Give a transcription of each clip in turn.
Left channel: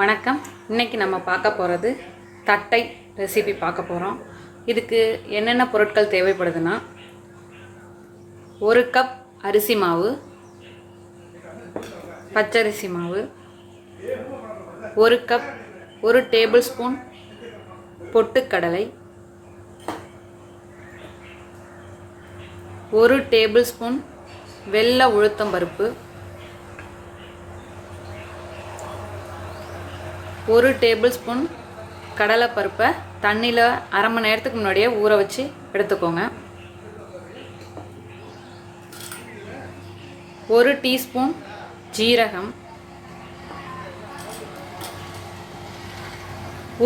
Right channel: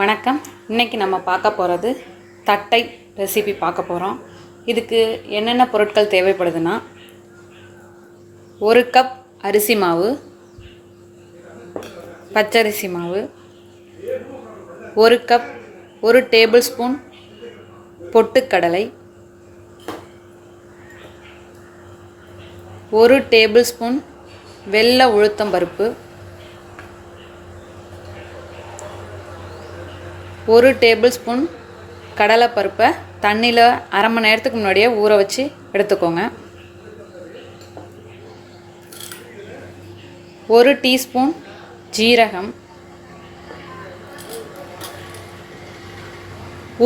வணக்கம். இன்றைக்கி நம்ம பார்க்க போகிறது தட்டை ரெசிபி பார்க்க போகிறோம். இதுக்கு என்னென்ன பொருட்கள் தேவைப்படுதுன்னா, 1 கப் அரிசி மாவு, பச்சரிசி மாவு, 1 கப் 1 டேபிள் ஸ்பூன் பொட்டுக்கடலை, 1 டேபிள் ஸ்பூன் வெள்ளை உளுத்தம்பருப்பு, 1 டேபிள் ஸ்பூன் கடலைப்பருப்பை தண்ணியில் அரை மணி நேரத்துக்கு முன்னாடியே ஊற வச்சு எடுத்துக்கோங்க. 1 டீஸ்பூன் ஜீரகம்,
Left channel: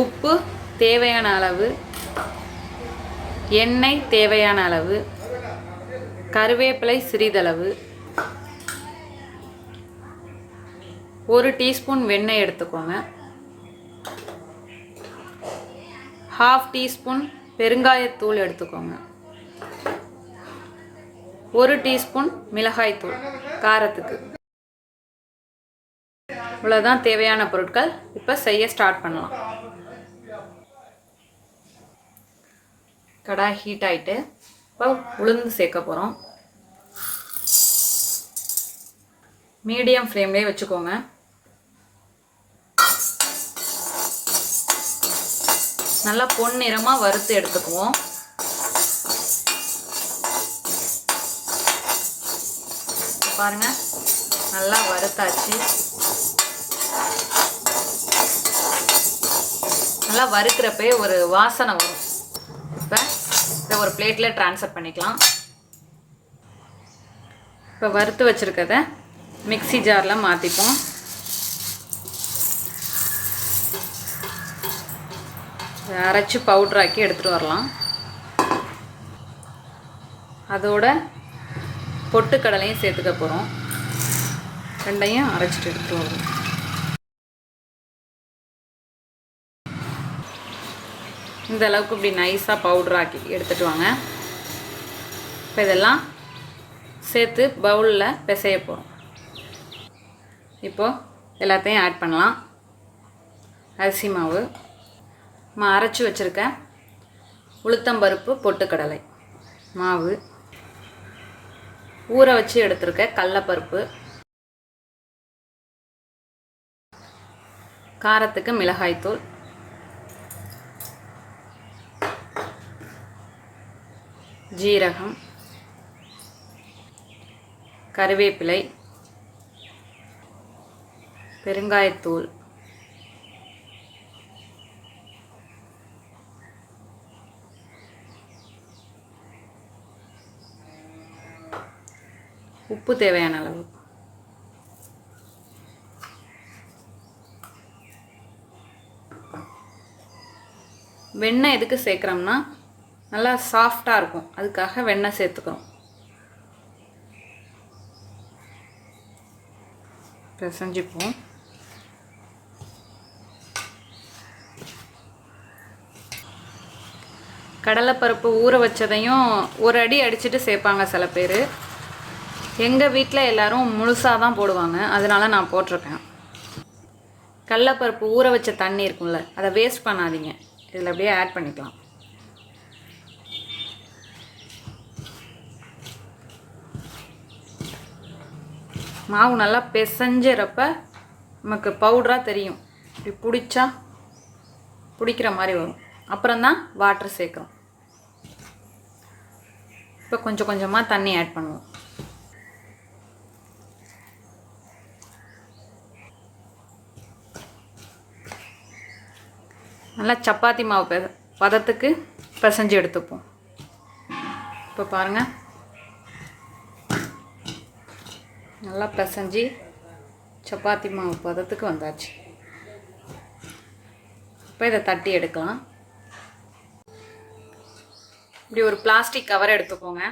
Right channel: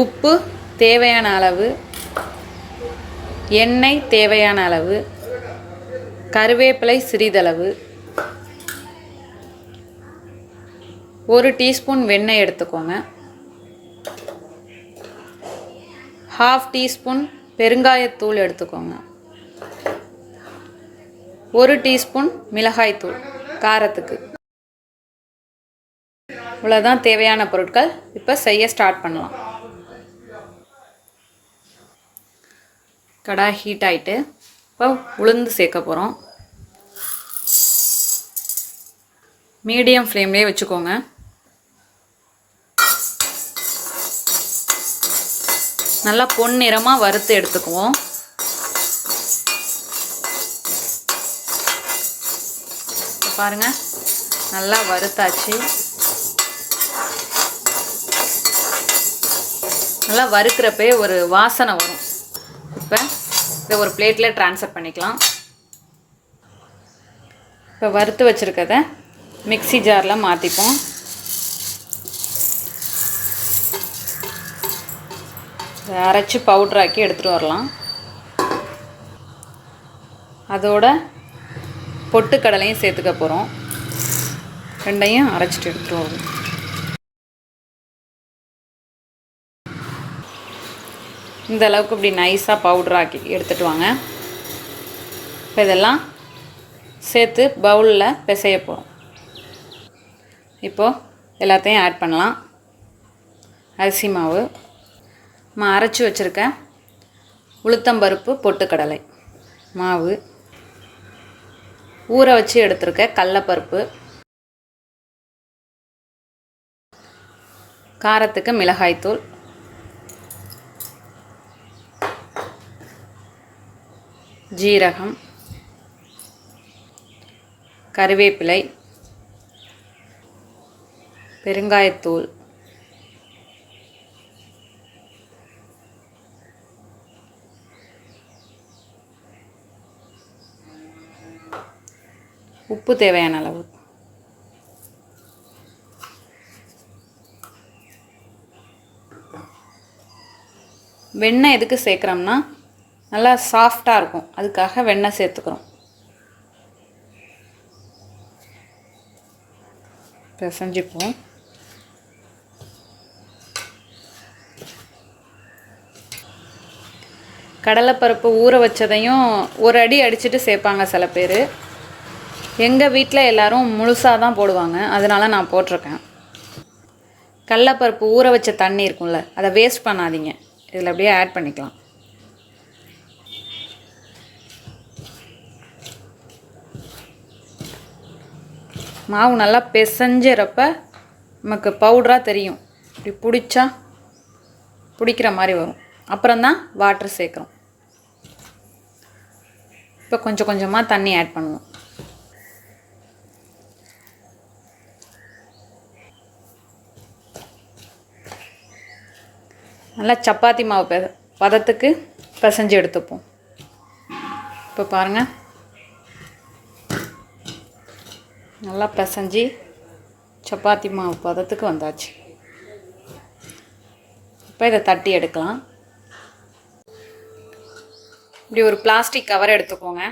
உப்பு தேவையான அளவு, எண்ணெய் தேவையான அளவு, கருவேப்பிலை சிறிதளவு, 1 டீஸ்பூன் வெண்ணெய் எடுத்துக்கோங்க. 1/2 டீஸ்பூன் பெருங்காயத்தூள் எடுத்துக்கோங்க. 1 டீஸ்பூன் மிளகாய்த்தூள் காரத்துக்கு. இவ்வளோதான் தேவையான பொருட்கள். இப்போ செய்ய ஸ்டார்ட் பண்ணலாம். கடாய் ஹீட் ஆகிட்டு இப்போ உளுந்து சேர்க்க போகிறோம். மீடியம் ஃப்ளேம்லேயே வச்சுக்கோங்க. நல்லா பொன்னிறமாக வறுத்து எடுத்துக்குவோம். பாருங்கள், நல்லா வறுத்தாச்சு. நல்லா வறுக்கிறப்பே ஒரு வாசனை வரும். இப்போ இதை ஒரு பிளேட்டில் ட்ரான்ஸ்ஃபர் பண்ணிக்கலாம். இப்போ வறுத்து வச்சுருக்கத மிக்ஸி ஜாரில் மாற்றிப்போம். அரைச்சி பவுட்ராக்கி எடுத்துகிட்டு வரலாம். அதோட பொட்டுக்கடலையும் சேர்த்துக்க போகிறோம். ரெண்டையும் அரைச்சிட்டு எடுத்துகிட்டு வருவோம். இந்த அளவுக்கு இப்படி நைஸாக பவுட்ராக்கி எடுத்துகிட்டு வாங்க. இப்போ இதெல்லாம் சேர்த்து பவுலில் பிசைய போகிறோம். இப்போது எல்லாத்தையும் ஆட் பண்ணலாம். அரிசி மாவு, நம்ம அரைச்சி வச்சுருக்க உளுத்தம்பருப்பு பொட்டுக்கடலை மாவு, ஊற வச்சு எடுத்துருக்க கடலைப்பருப்பு, காரத்துக்கு மிளகாய்த்தூள், ஜீரகம், கருவேப்பிலை, பெருங்காயத்தூள், உப்பு தேவையான அளவு, வெண்ணெய் எதுக்கு சேர்க்குறோம்னா நல்லா சாஃப்டாக இருக்கும், அதுக்காக வெண்ணெய் சேர்த்துக்கிறோம். பிசைஞ்சிப்போம். கடலைப்பருப்பு ஊற வச்சதையும் ஒரு அடி அடிச்சுட்டு சேர்ப்பாங்க சில பேர். எங்கள் வீட்டில் எல்லோரும் முழுசாக தான் போடுவாங்க, அதனால நான் போட்டிருக்கேன். கடலைப்பருப்பு ஊற வச்ச தண்ணி இருக்கும்ல, அதை வேஸ்ட் பண்ணாதீங்க. இதில் அப்படியே ஆட் பண்ணிக்கலாம். மாவு நல்லா பிசைஞ்சிறப்ப நமக்கு பவுடராக தெரியும். இப்படி பிடிக்கிற மாதிரி வரும். அப்புறம்தான் வாட்டர் சேர்க்குறோம். இப்போ கொஞ்சம் கொஞ்சமாக தண்ணி ஆட் பண்ணுவோம். நல்லா சப்பாத்தி மாவு பதத்துக்கு பிசைஞ்சு எடுத்துப்போம். இப்போ பாருங்கள், நல்லா பிசைஞ்சு சப்பாத்தி மாவு பதத்துக்கு வந்தாச்சு. இப்போ இதை தட்டி எடுக்கலாம். இப்படி ஒரு பிளாஸ்டிக் கவர் எடுத்துக்கோங்க.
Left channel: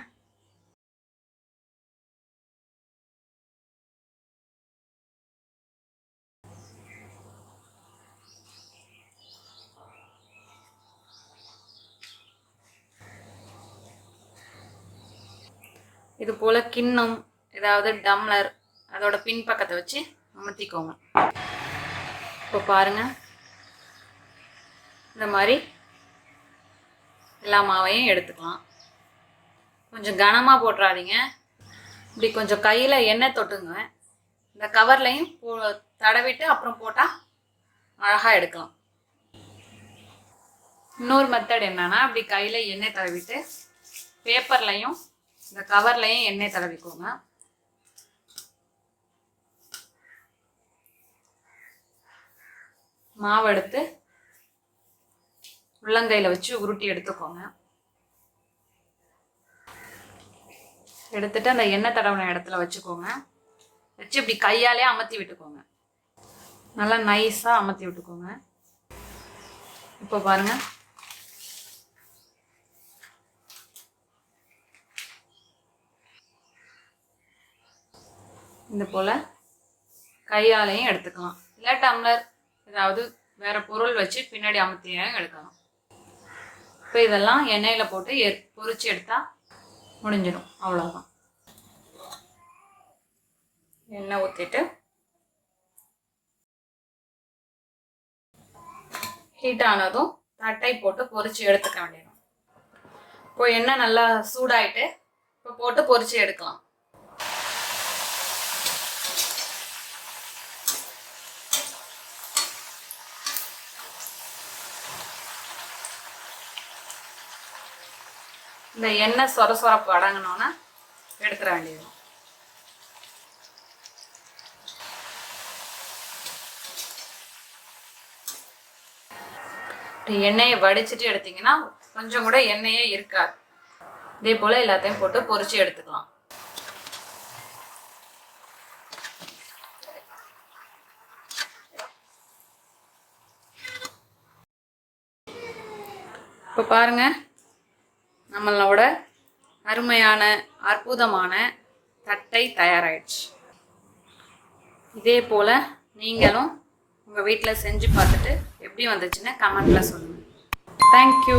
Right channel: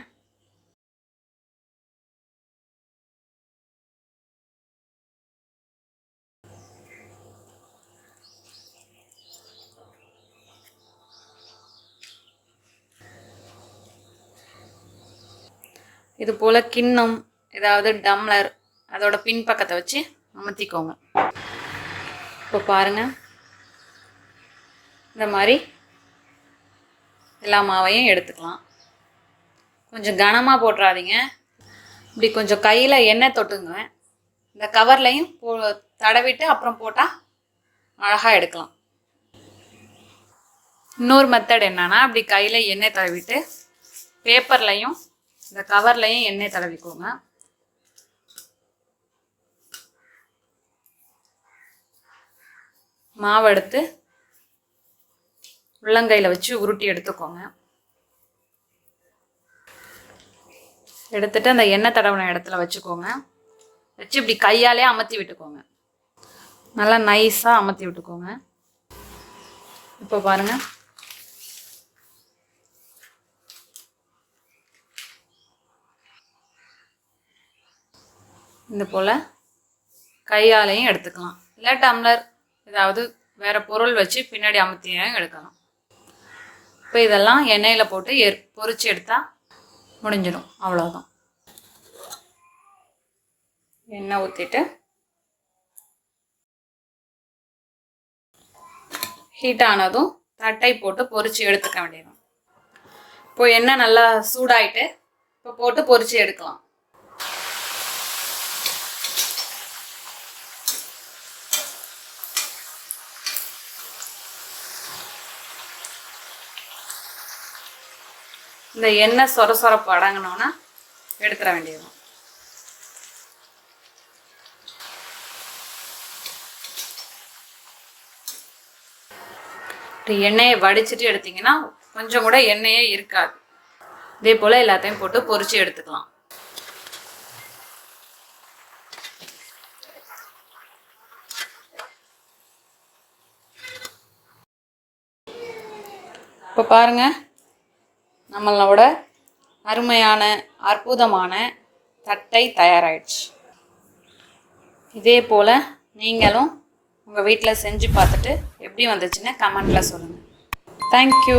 இது போல் கிண்ணம், ஏதாவது டம்ளர், அதோட பின்பக்கத்தை வச்சு அமுத்திக்கோங்க. இப்போ பாருங்கள், இந்த மாதிரி எல்லா மாவையும் எடுத்துக்கலாம். கொஞ்சம் கனமாக போட்டுறாதீங்க. இப்படி கொஞ்சம் கையில் எண்ணெய் தொட்டுங்க. இந்த கவர்லையும் தடவிட்டு அப்புறம் போட்டால் அழகாக எடுக்கலாம். இன்னொரு மெத்தட் என்னன்னா, அப்படி கையில் எண்ணெய் தடவிட்டு பேப்பர்லையும் இந்த கவர்லையும் எண்ணெய் தடவிக்கோங்க. மாவு எடுத்து உள்ளங்கையில் வச்சு உருட்டி எடுத்துக்கோங்க. எடுத்துட்டு அந்த எண்ணெய் தடவின இடத்துல வச்சுக்கோங்க. வச்சு இப்படி கையாலே அமர்த்தி விட்டுக்கோங்க. நல்லா நைஸாக அமர்த்தி விட்டுக்கோங்க. இப்போ பாருங்கள், இந்த போல் கையாலையும் எடுத்துக்கலாம். இல்லை டம்ளர் ஏதாவது வேறு பொருள் வச்சு பின்னாடி அமுத்தியும் எடுக்கலாம். இப்போ இதெல்லாம் எண்ணெயில் போட்டு பொரிச்சு எடுத்தால் முடிஞ்சிடும். அவ்வளோதான். எண்ணெய் ஊற்றிட்டு ஹீட் ஆனதும் தட்டை போட்டு பொரிச்சு எடுத்துக்க வேண்டியது. இப்போ எண்ணெய் நல்லா சூடாயிட்டு இப்போ போட்டு பொரிச்சு எடுக்கலாம். இந்த எண்ணெய் சொரப்பு அடங்கினோன்னா எடுத்துட வேண்டியது. எண்ணெயை வடிச்சிட்டு எடுத்தீங்கன்னா கொஞ்சம் கூட எண்ணெயே இருக்காது. இதே போல் எல்லாத்தையும் போட்டு பொரிச்சு எடுத்துக்கலாம். இப்போ பாருங்க, நம்மளோட அருமையான அற்புதமான தட்டை தயாராகிடுச்சு. இதே போல் நீங்களும் உங்கள் வீட்டில் செஞ்சு பார்த்துட்டு எப்படி வந்துச்சுன்னு கமெண்ட்டில் சொல்லுங்கள். தேங்க்யூ.